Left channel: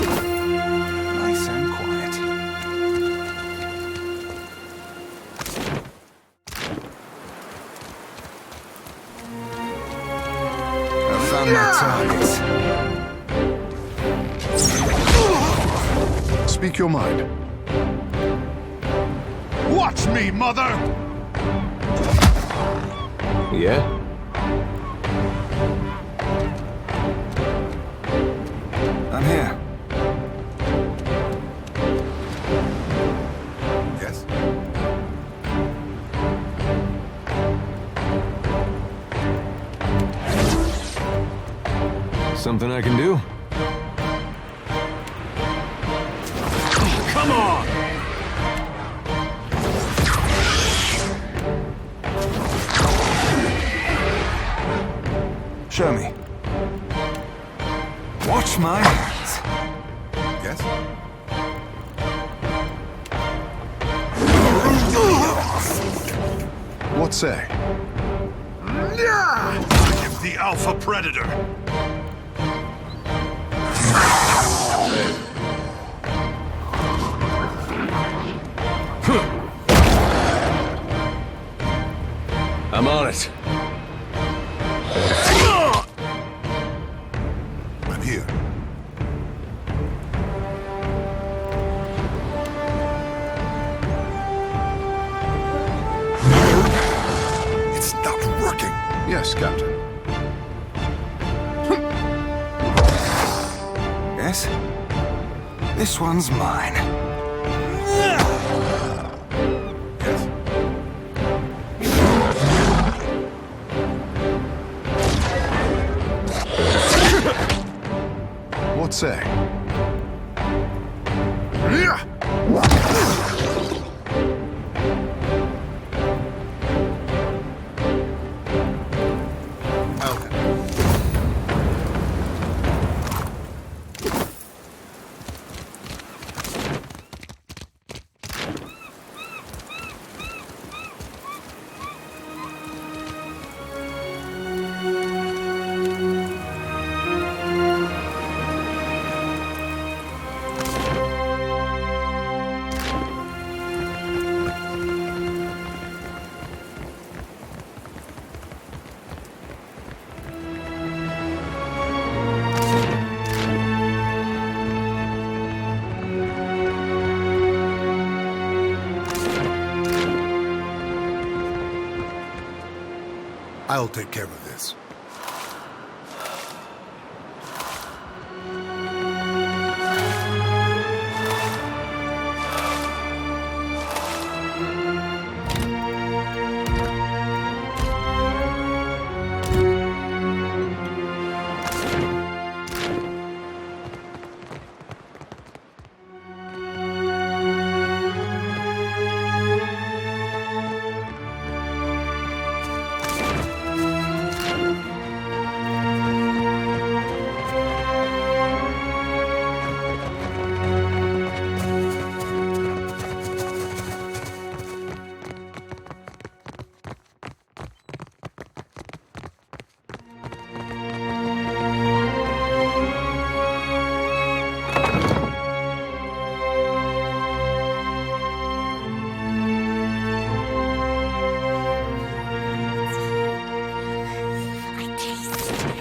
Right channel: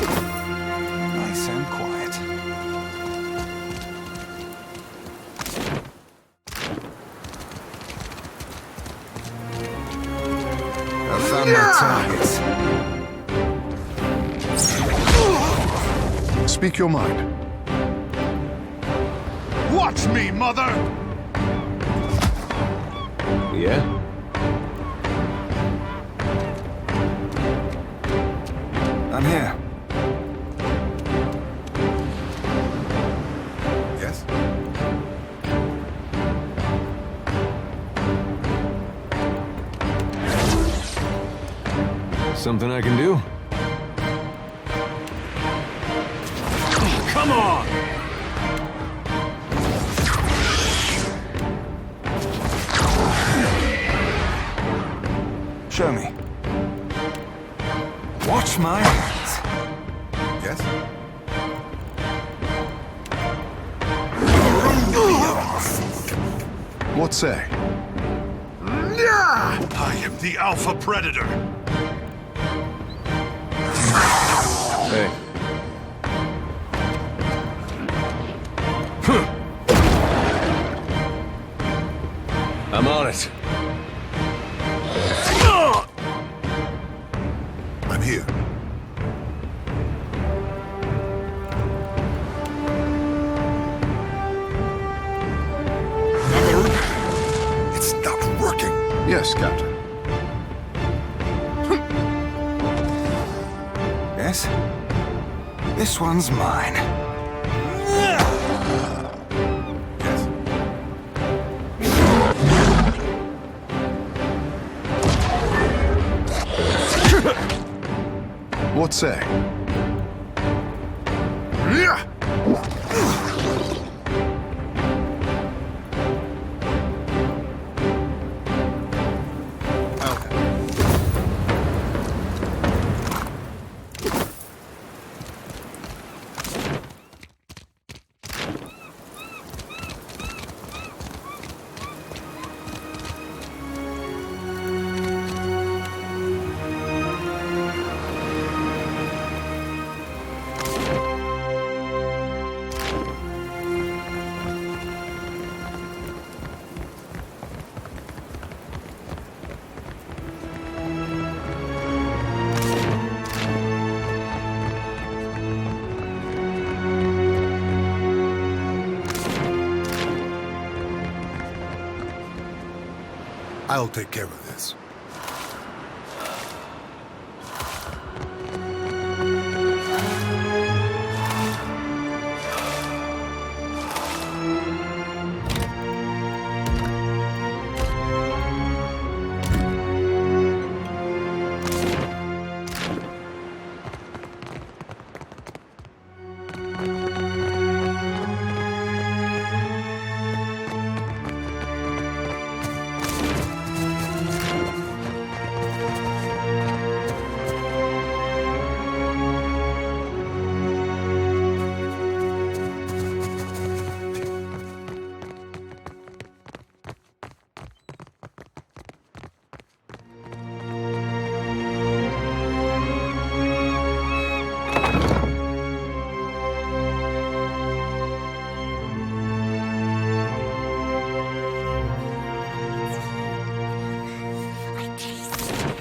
Nice and quiet. I found my targets. Speak your mind. Watch me, mother! Yeah? I'm here. Yes? Something I can do? Come on! Show me. Watch my hands. Yes? What say? I am the Alpha Predator. Hey. I'm on it. I'm here. It's not working. Yes, Captain. Yes? This one's mine. Yes? What say? I'll take care of this.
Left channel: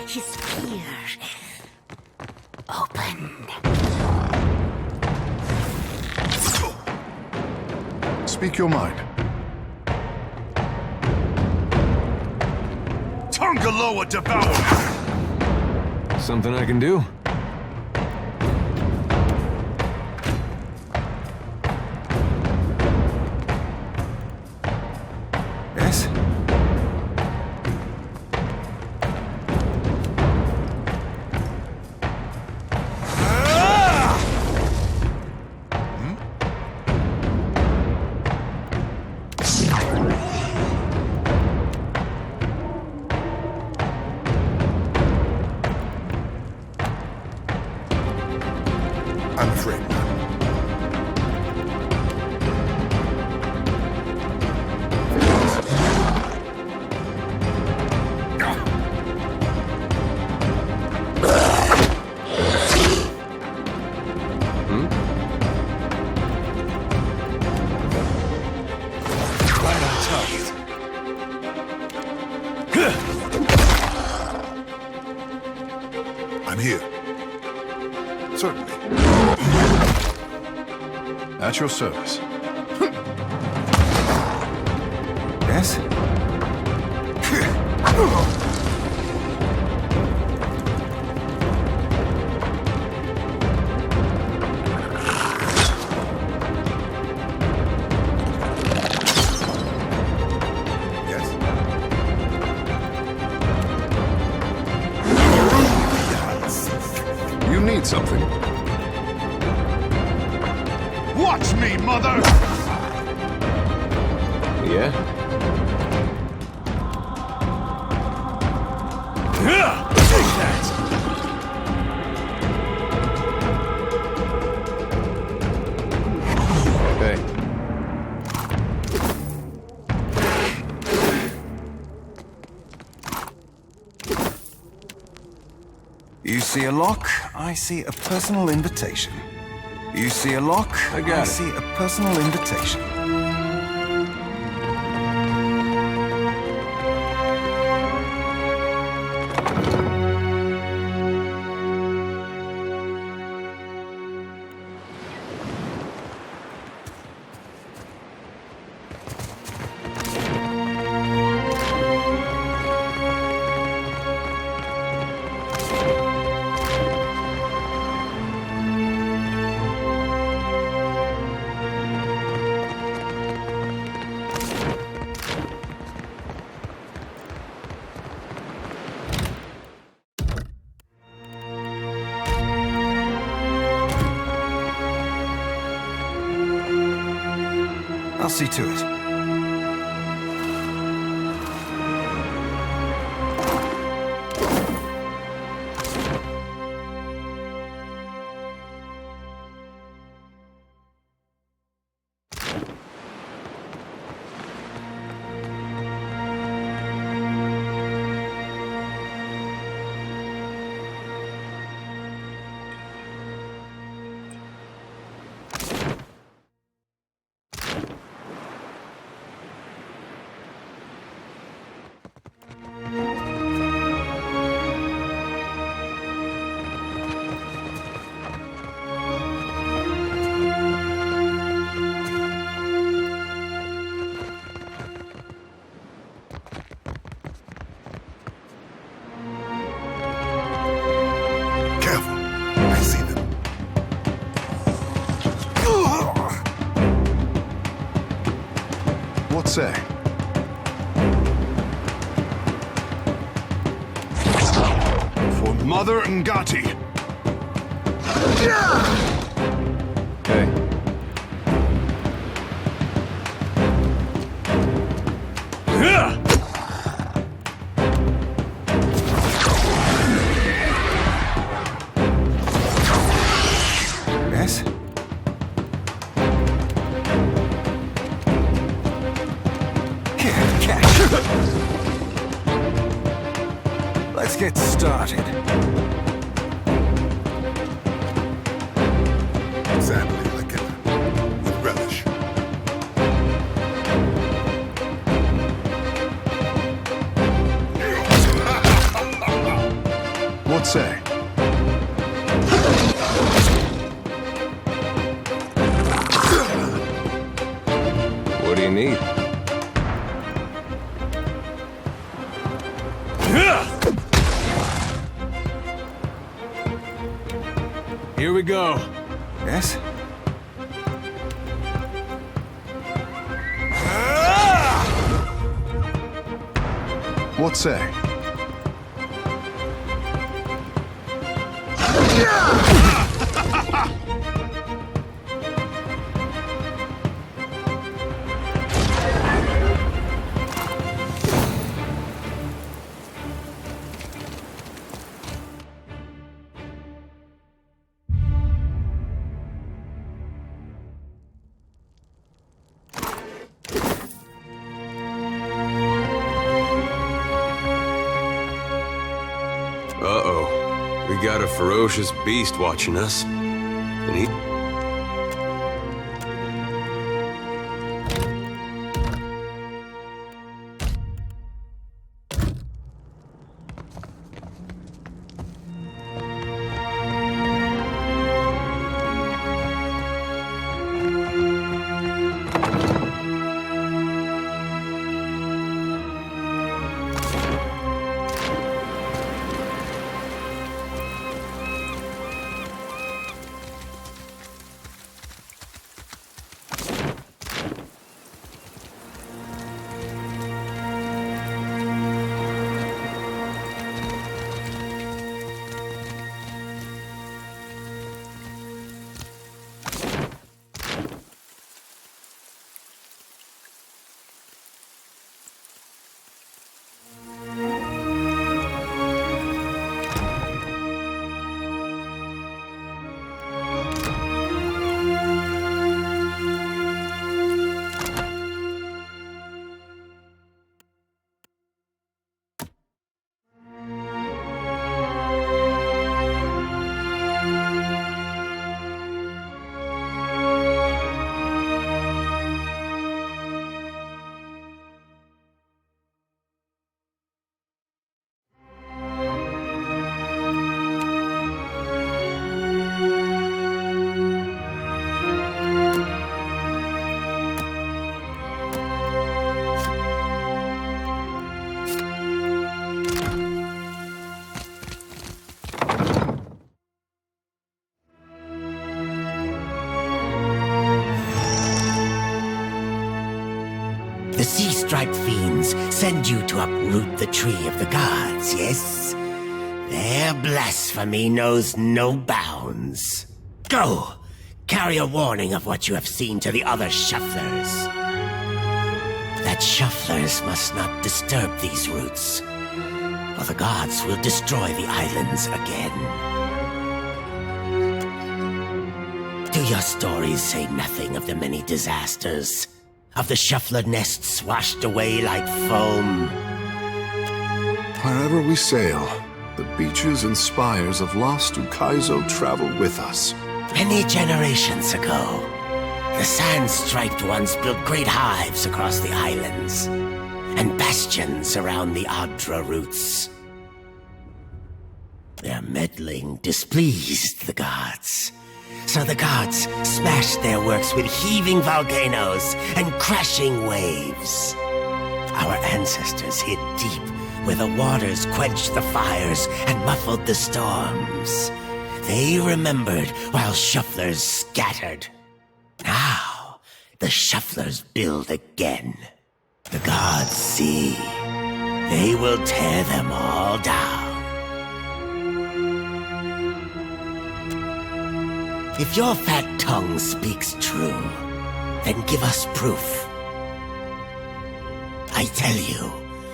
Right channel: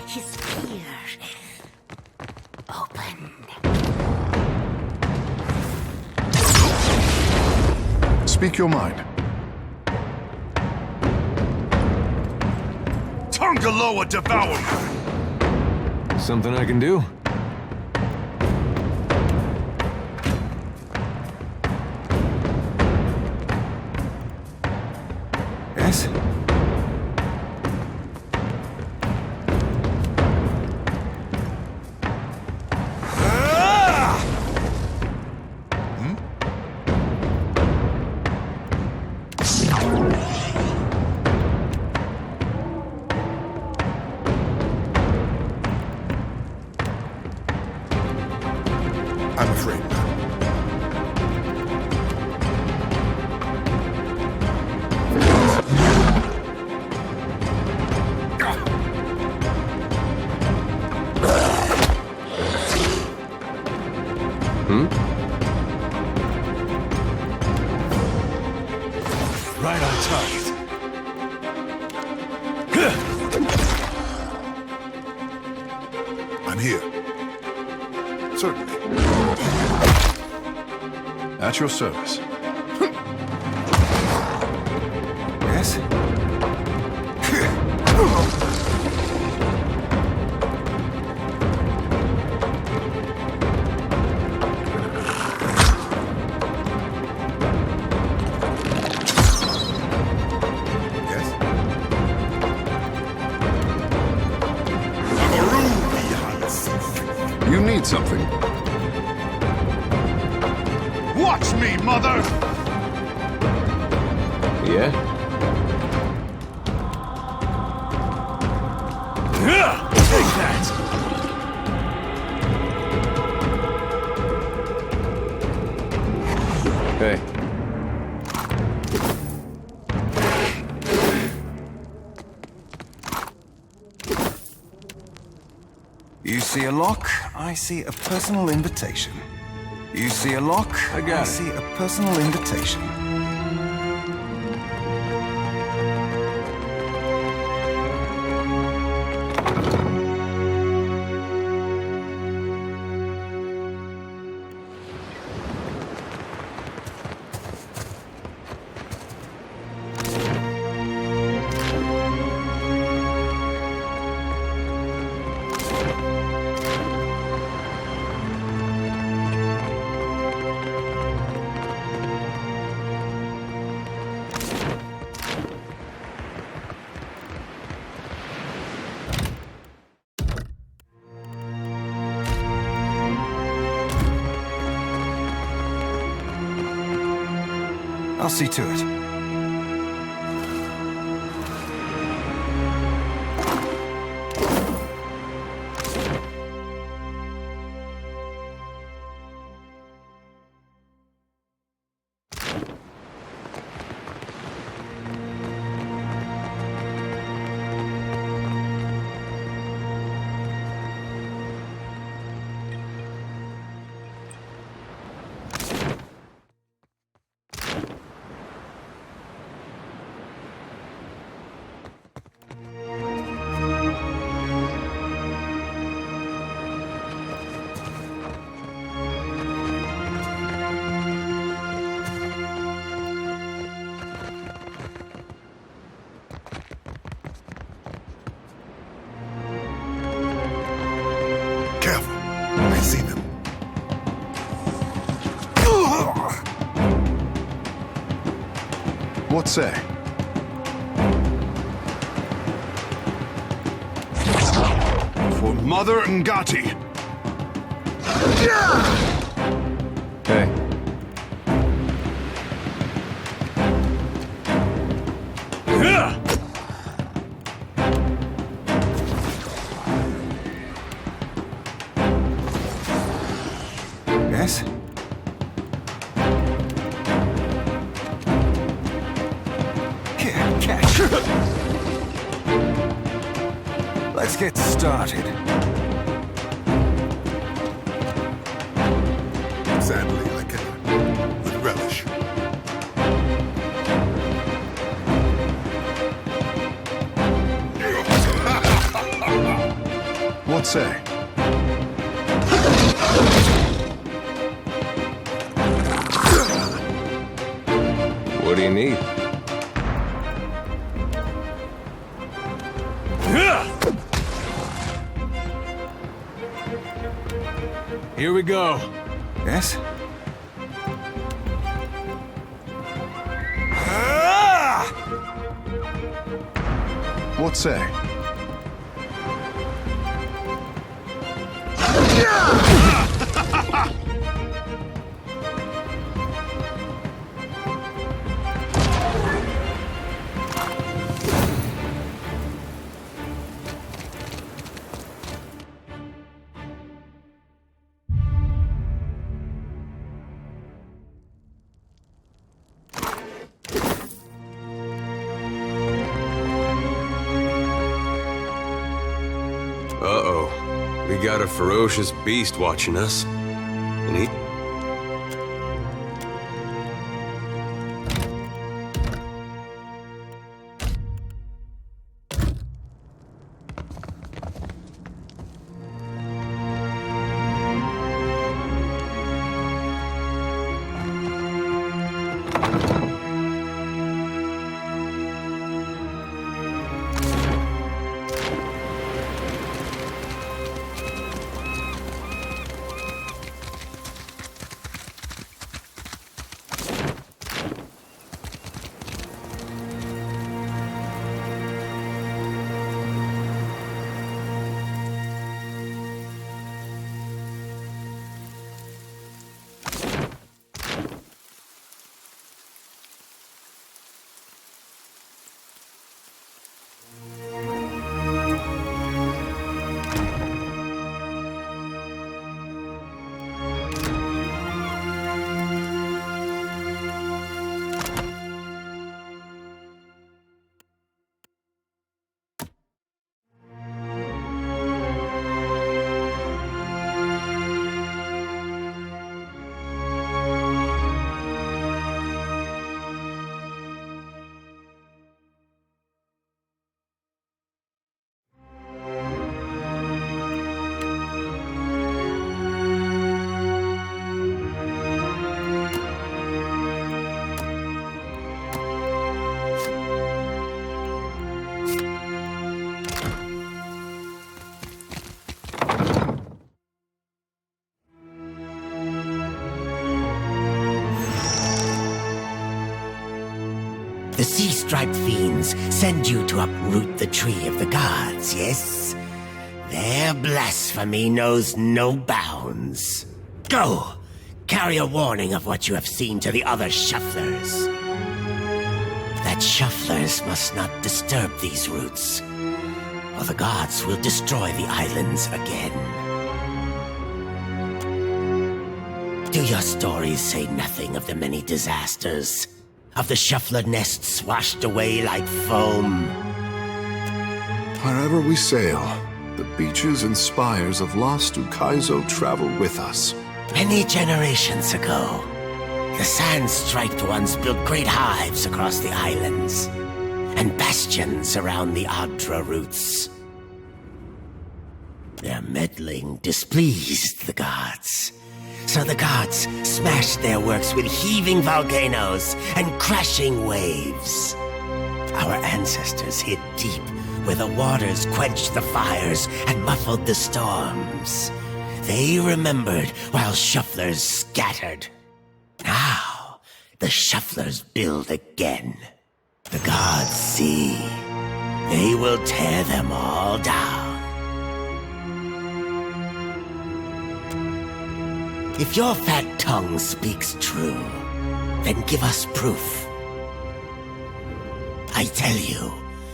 His fear opened. Speak your mind. Tongaloa devour! Something I can do? Yes? I'm afraid not. Right on target. I'm here. Certainly. At your service. Yes? Yes? You need something. Watch me, mother! Yeah? Take that! Hey. You see a lock, I see a personal invitation. You see a lock, I got it. see a personal invitation. I'll see to it. Careful. I see them. What say? For Mother Ngati. Hey. Yes? Here, catch. Let's get started. Sadly, I cannot. With relish. What say? What do you need? Here we go. Yes? What say? Uh-oh. We got a ferocious beast watching us. And The sea-striped fiends send you to uproot the tree of the gods, yes? Their blasphemy knows no bounds. Go! Carry a warning of what you have seen to the other shufflers. That shufflers must not disturb these roots, or the gods will destroy the islands again. Do your stories say nothing of the many disasters? Of the shuffler nests washed away like foam? Wherever we sail, the beaches and spires of lost Ukaizo travel with us. Many generations ago, the sand-striped ones built great hives across the islands, and bastions around the Adra roots. Their meddling displeased the gods, so the gods smashed their works with heaving volcanoes and crashing waves. Our ancestors hid deep where the waters quenched the fires and muffled the storms. They remembered while shufflers scattered. Now, the shufflers build again. The gods see. They will tear them all down. If your fat tongue speaks true, then give us proof. I tell you,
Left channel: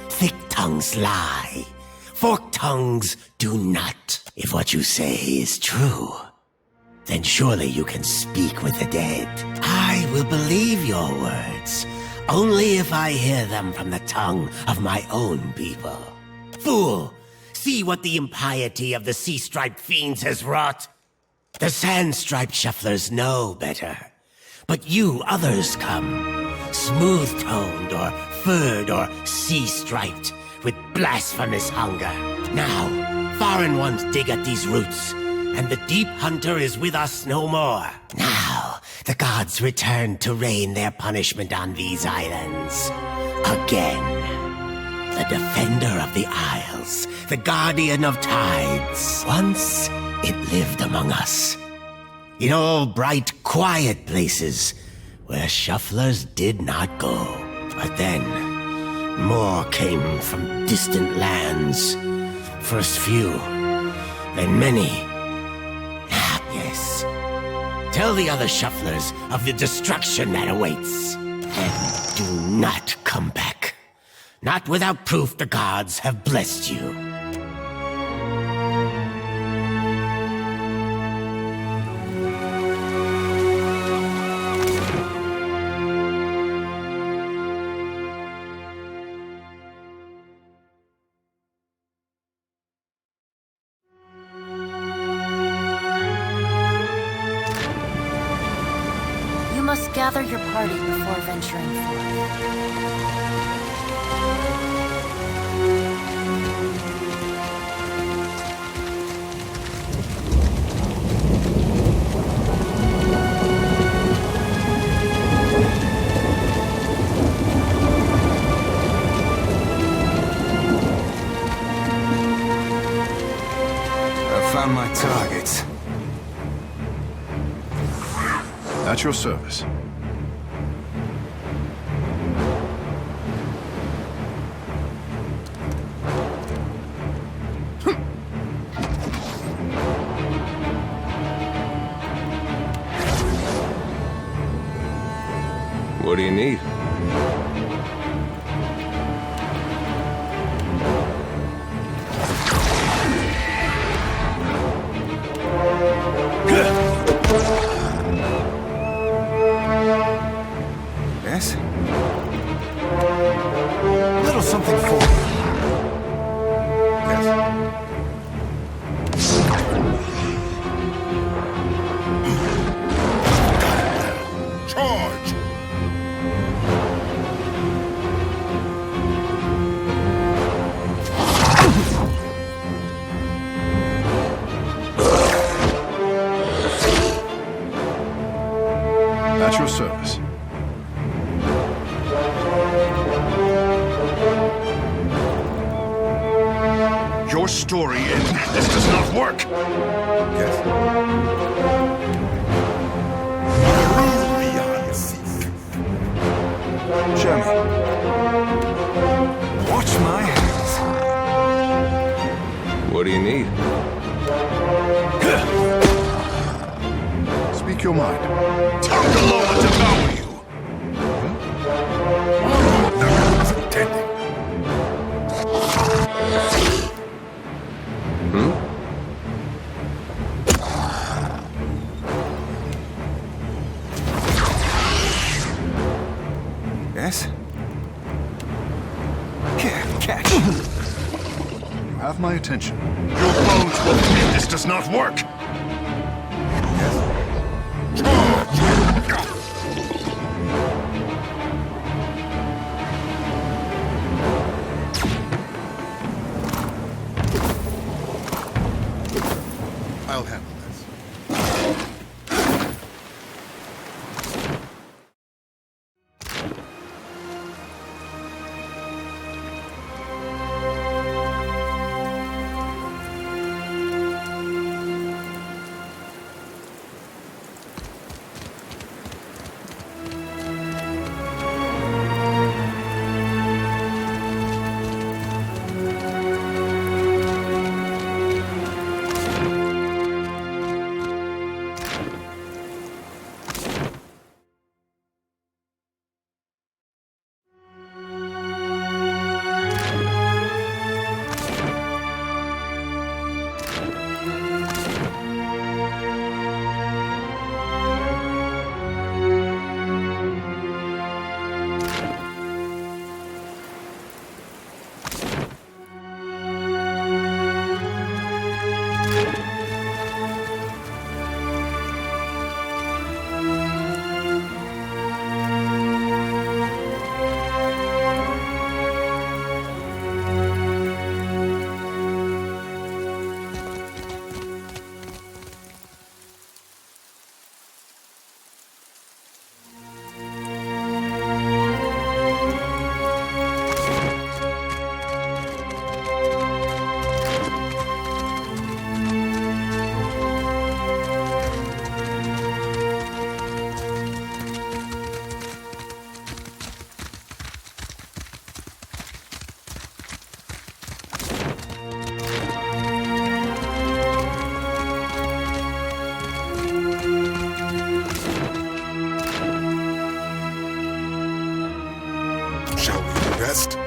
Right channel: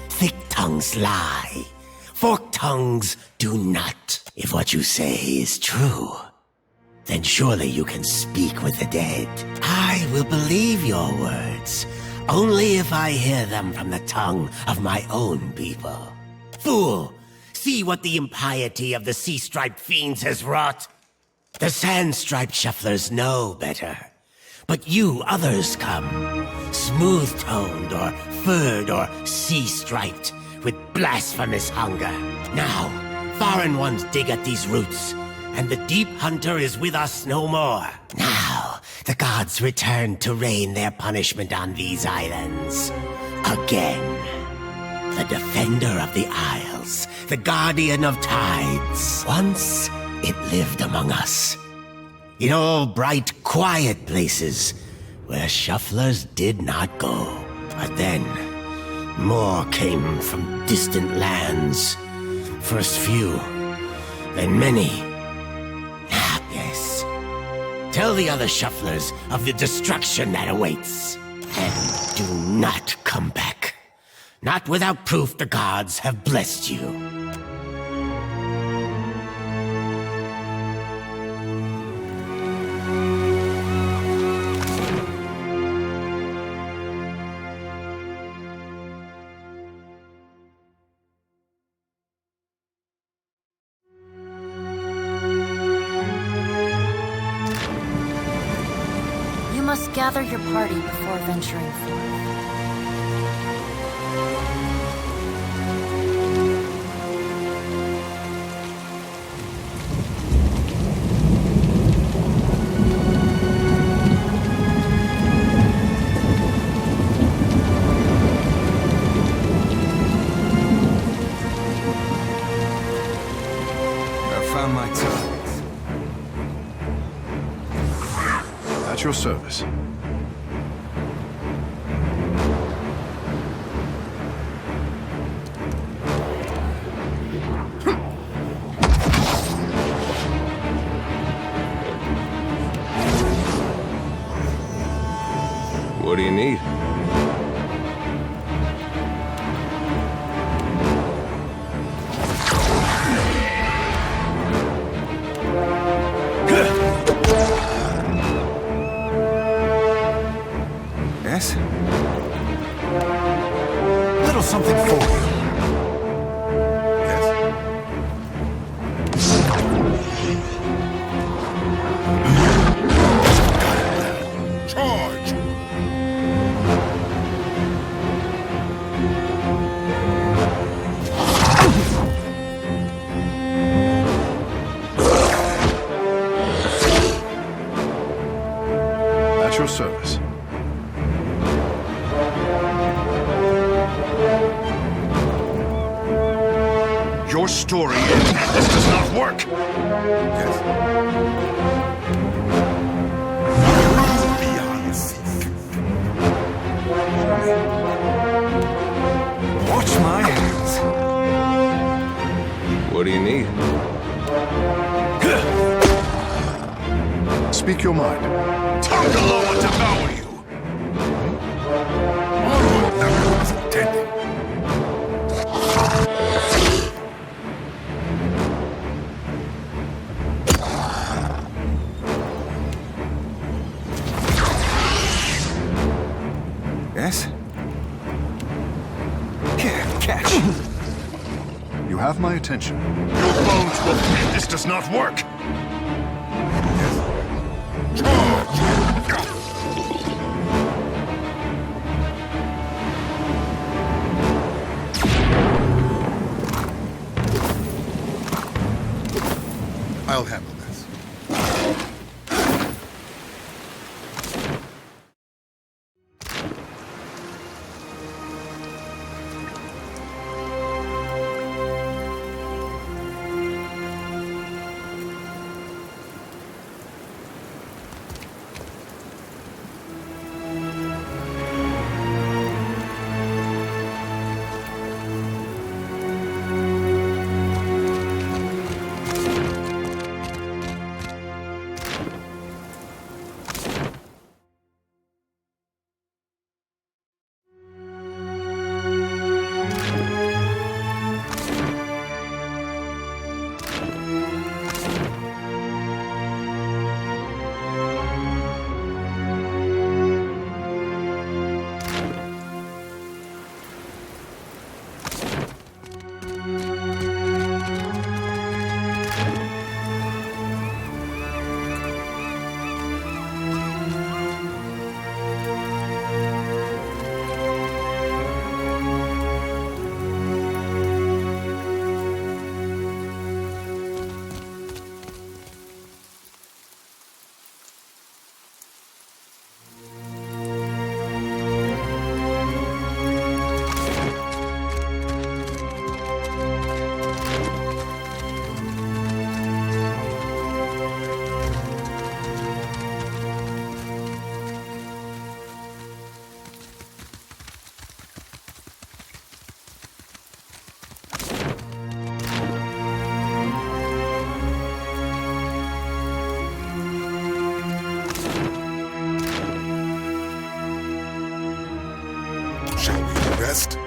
thick tongues lie. Forked tongues do not. If what you say is true, then surely you can speak with the dead. I will believe your words, only if I hear them from the tongue of my own people. Fool! See what the impiety of the sea-striped fiends has wrought. The sand-striped shufflers know better. But you others come, smooth-toned or furred or sea-striped, with blasphemous hunger. Now, foreign ones dig at these roots, and the deep hunter is with us no more. Now, the gods return to rain their punishment on these islands. Again. The defender of the isles, the guardian of tides. Once, it lived among us. In all bright, quiet places where shufflers did not go. But then, more came from distant lands. First few, then many. Ah, yes. Tell the other shufflers of the destruction that awaits. And do not come back. Not without proof the gods have blessed you. You must gather your party before venturing forth. I found my target. At your service. What do you need? Yes? Little something for you. Yes. Charge! At your service. Your story is this does not work. Yes. Beyond seek. Show me. Speak your mind. Tongaloa devour you! Never was intending. Yes? Here, catch. You have my attention. Your bones will bleed. This does not work. I'll handle this. Shall we rest?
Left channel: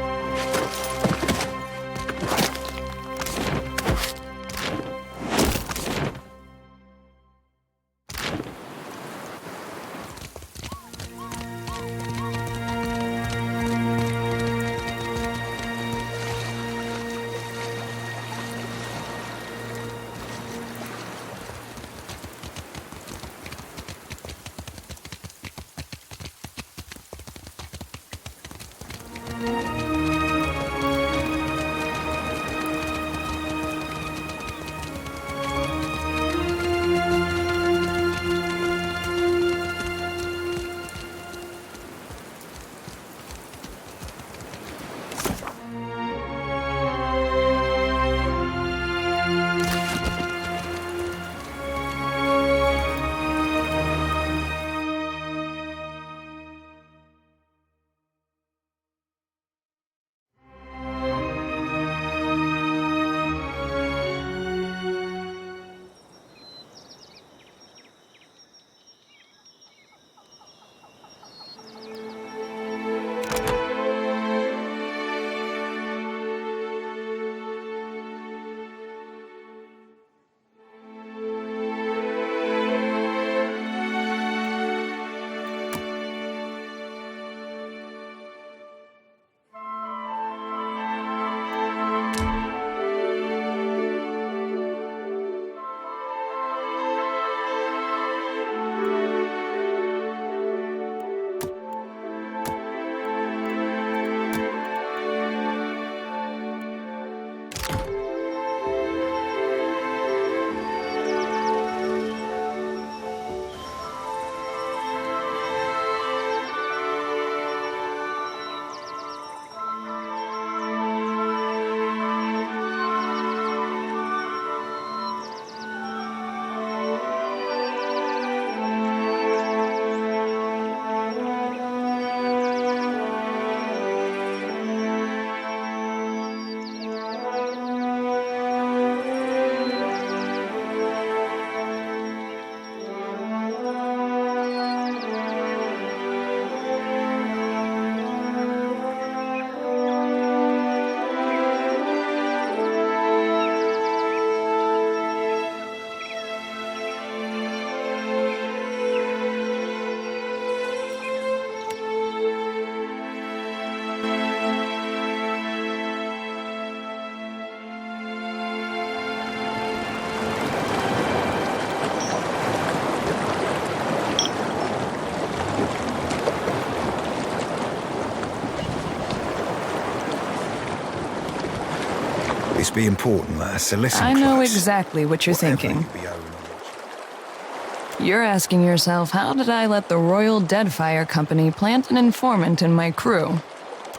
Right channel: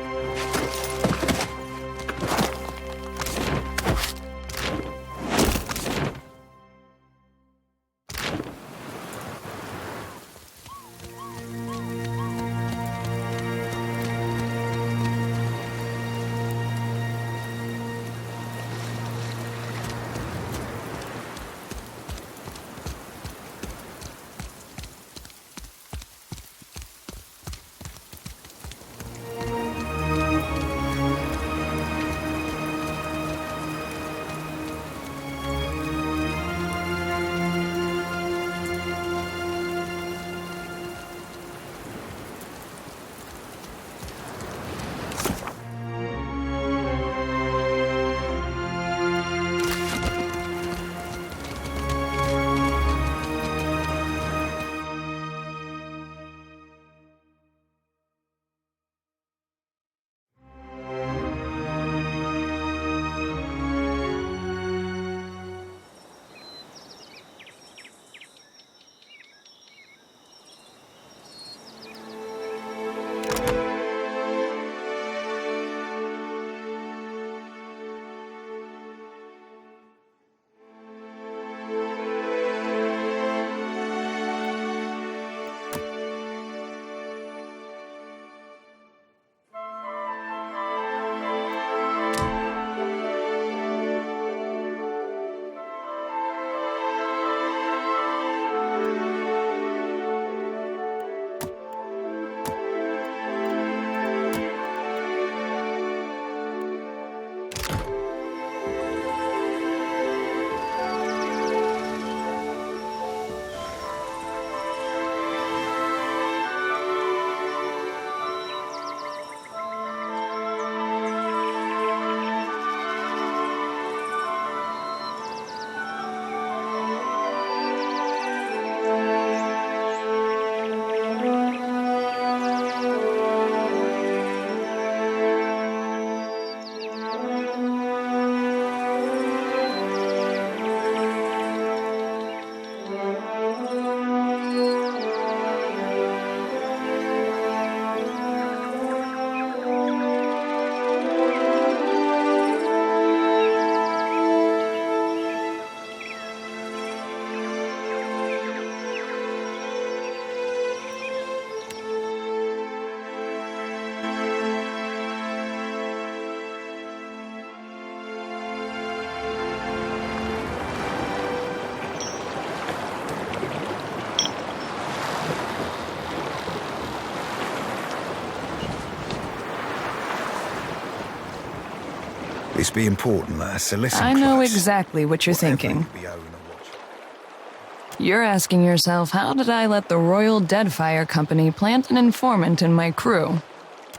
This be important, lass, so listen I know close. exactly what you're Whatever thinking. you be owing a watch. You're asking yourself, how did I let the Royal Deadfire Company plant an informant in my crew?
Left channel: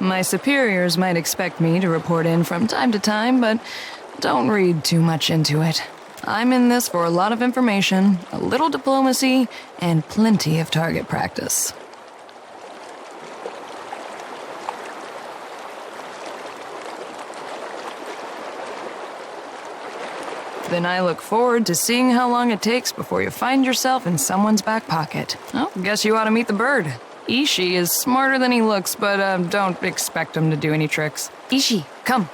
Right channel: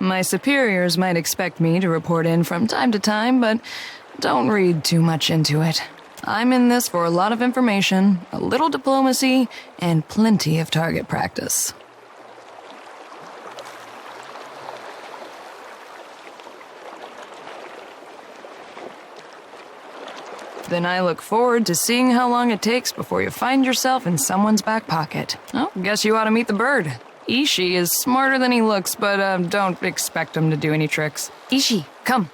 My superiors might expect me to report in from time to time, but don't read too much into it. I'm in this for a lot of information, a little diplomacy, and plenty of target practice. Then I look forward to seeing how long it takes before you find yourself in someone's back pocket. Oh, guess you ought to meet the bird. Ishi is smarter than he looks, but don't expect him to do any tricks. Ishi, come.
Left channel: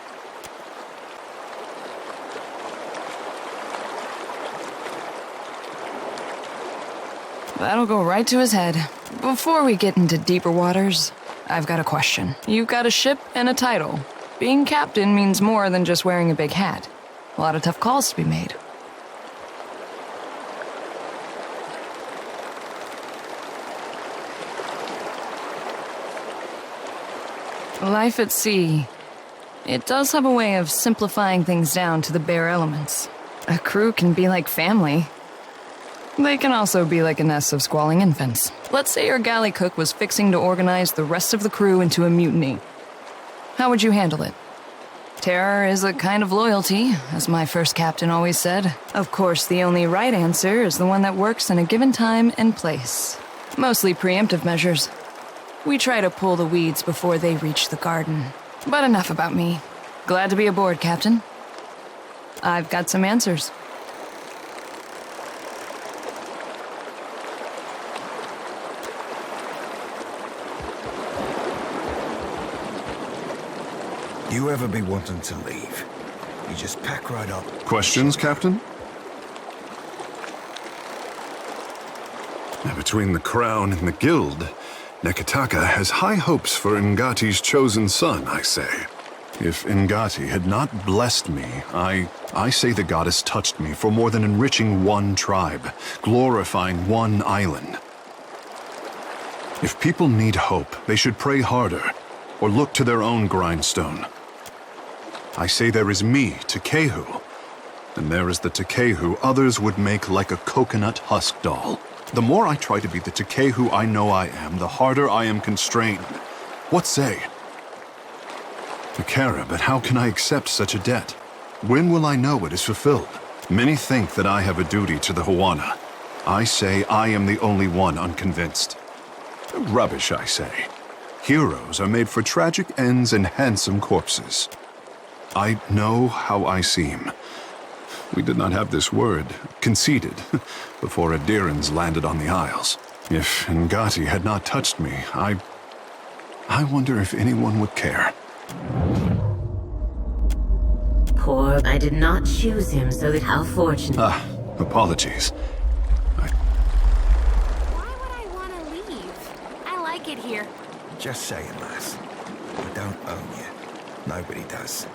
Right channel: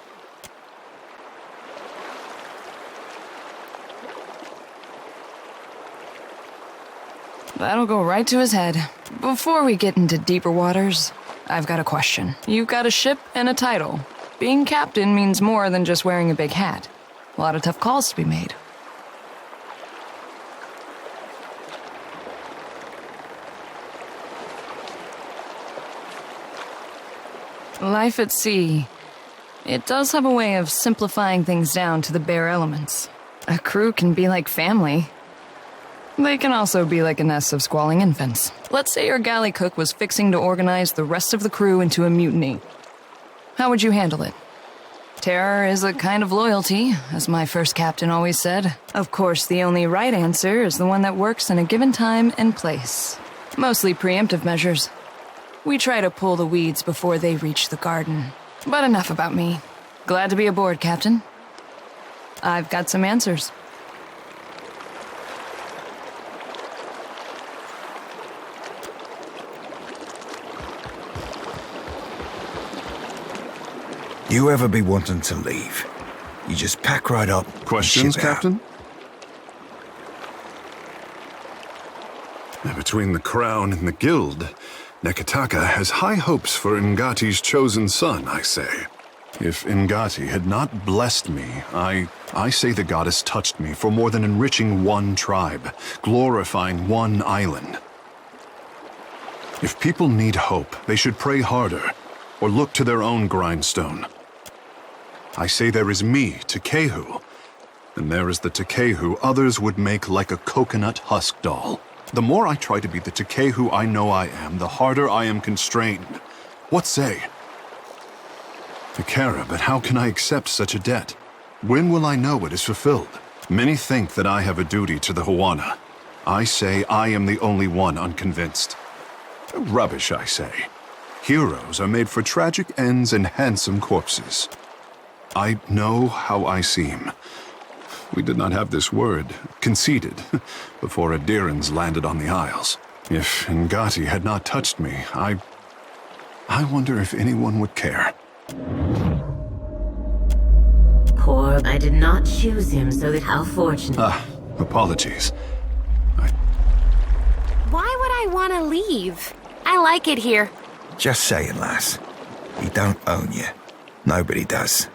That'll go right to his head. Before we get into deeper waters, I've got a question. You've got a ship and a title. Being captain means more than just wearing a big hat. A lot of tough calls to be made. Life at sea. It does have a way of simplifying things down to the bare elements. A crew can be like family. They can also be like a nest of squalling infants. Let's say your galley cook was fixing to organize the rest of the crew into a mutiny. How would you handle it? Terror is a kind of loyalty, as my first captain always said. Of course, the only right answer is the one that works in a given time and place. Mostly preemptive measures. We try to pull the weeds before they reach the garden. But enough about me. Glad to be aboard, Captain. I've got some answers. You ever be wanting to leave? You just pack right up. and Questions, ship out. Captain? Between the crown and the guild, Nekataka has high hopes for Ngati's chosen son, I say. If Ngati had not blessed me, I say the goddess touched me for more than enriching one tribe, glorifying one island. If people need hope, they should pray harder, or look to their own grindstone. I say there is me, Tekehu, and there is the Tekehu others would make like a coconut husk doll. The more I try to be the Tekehu I know I am, the harder I am constrained. What say? Takara, but how can I accept such a debt? When will I know it is fulfilled? Many think that I have a duty to the Hawana. I say I am the only one unconvinced. Rubbish, I say. Heroes are made for tragic ends and handsome corpses. I know how I seem. We did not have this word, conceded, before Adirans landed on the Isles. If Ngati had not touched me, I wonder if anyone would care. Poor, I did not choose him, so that how fortunate. Apologies. Why would I want to leave? I like it here. Just saying, lass. He don't own you. Nobody does.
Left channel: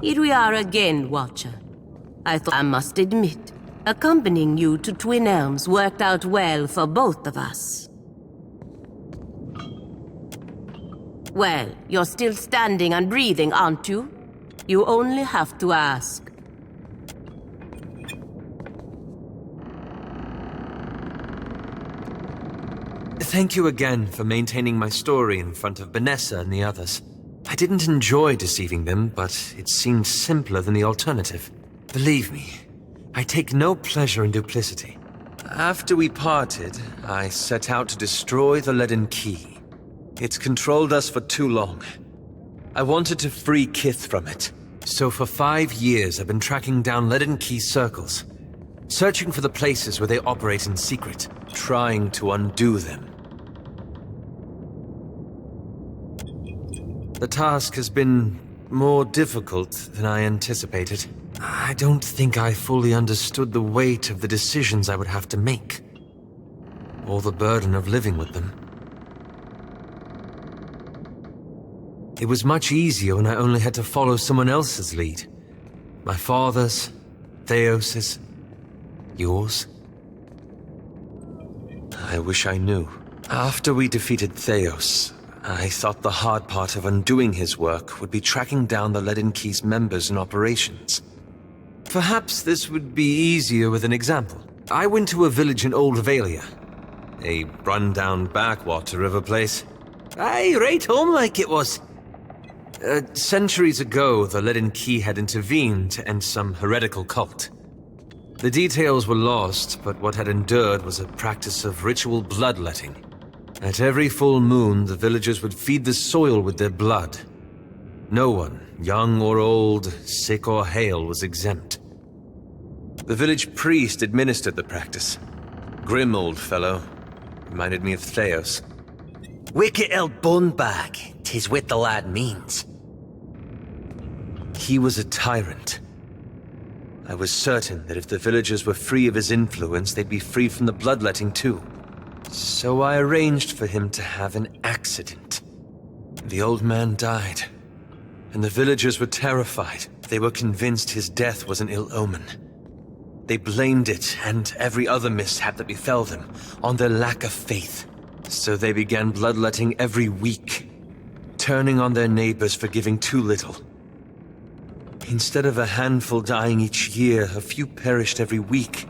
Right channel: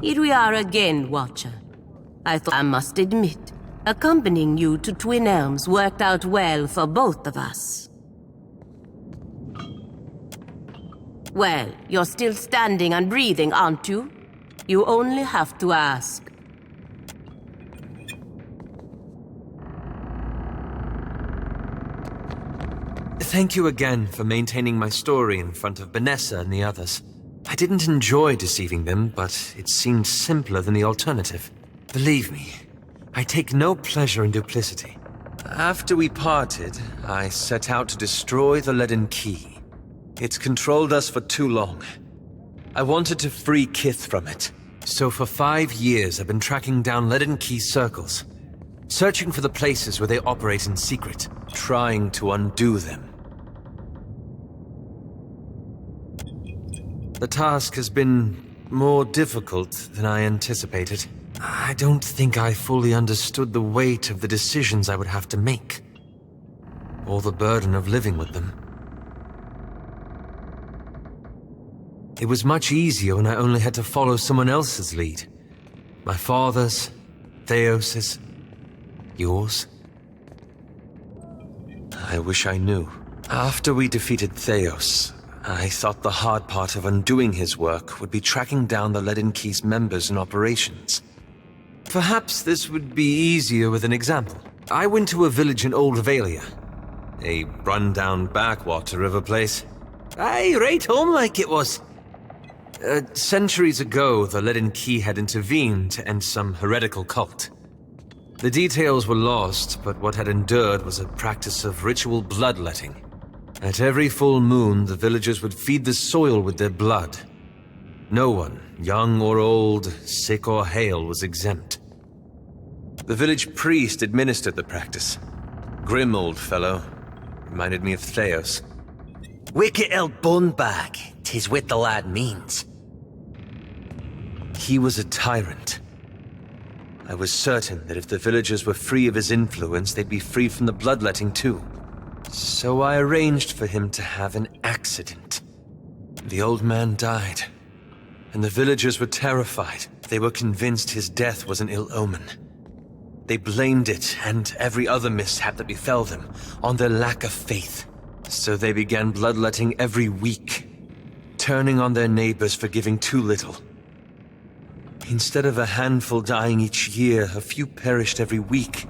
Here we are again, Watcher. I thought I must admit, accompanying you to Twin Elms worked out well for both of us. Well, you're still standing and breathing, aren't you? You only have to ask. Thank you again for maintaining my story in front of Vanessa and the others. I didn't enjoy deceiving them, but it seemed simpler than the alternative. Believe me, I take no pleasure in duplicity. After we parted, I set out to destroy the Leaden Key. It's controlled us for too long. I wanted to free Kith from it. So for 5 years, I've been tracking down Leaden Key circles. searching for the places where they operate in secret, trying to undo them. The task has been more difficult than I anticipated. I don't think I fully understood the weight of the decisions I would have to make, or the burden of living with them. It was much easier when I only had to follow someone else's lead. My father's, Theos's, yours. I wish I knew. After we defeated Theos, I thought the hard part of undoing his work would be tracking down the Leaden Key's members and operations. Perhaps this would be easier with an example. I went to a village in Old Valia, a run-down backwater of a place. Aye, right home like it was. Centuries ago, the Leaden Key had intervened to end some heretical cult. The details were lost, but what had endured was a practice of ritual bloodletting. At every full moon, the villagers would feed the soil with their blood. No one, young or old, sick or hale, was exempt. The village priest administered the practice. Grim old fellow. Reminded me of Theos. Wicked old bunbag, 'tis what the lad means. He was a tyrant. I was certain that if the villagers were free of his influence, they'd be free from the bloodletting too. So I arranged for him to have an accident. The old man died, and the villagers were terrified. They were convinced his death was an ill omen. They blamed it, and every other mishap that befell them, on their lack of faith. So they began bloodletting every week, turning on their neighbors for giving too little. Instead of a handful dying each year, a few perished every week.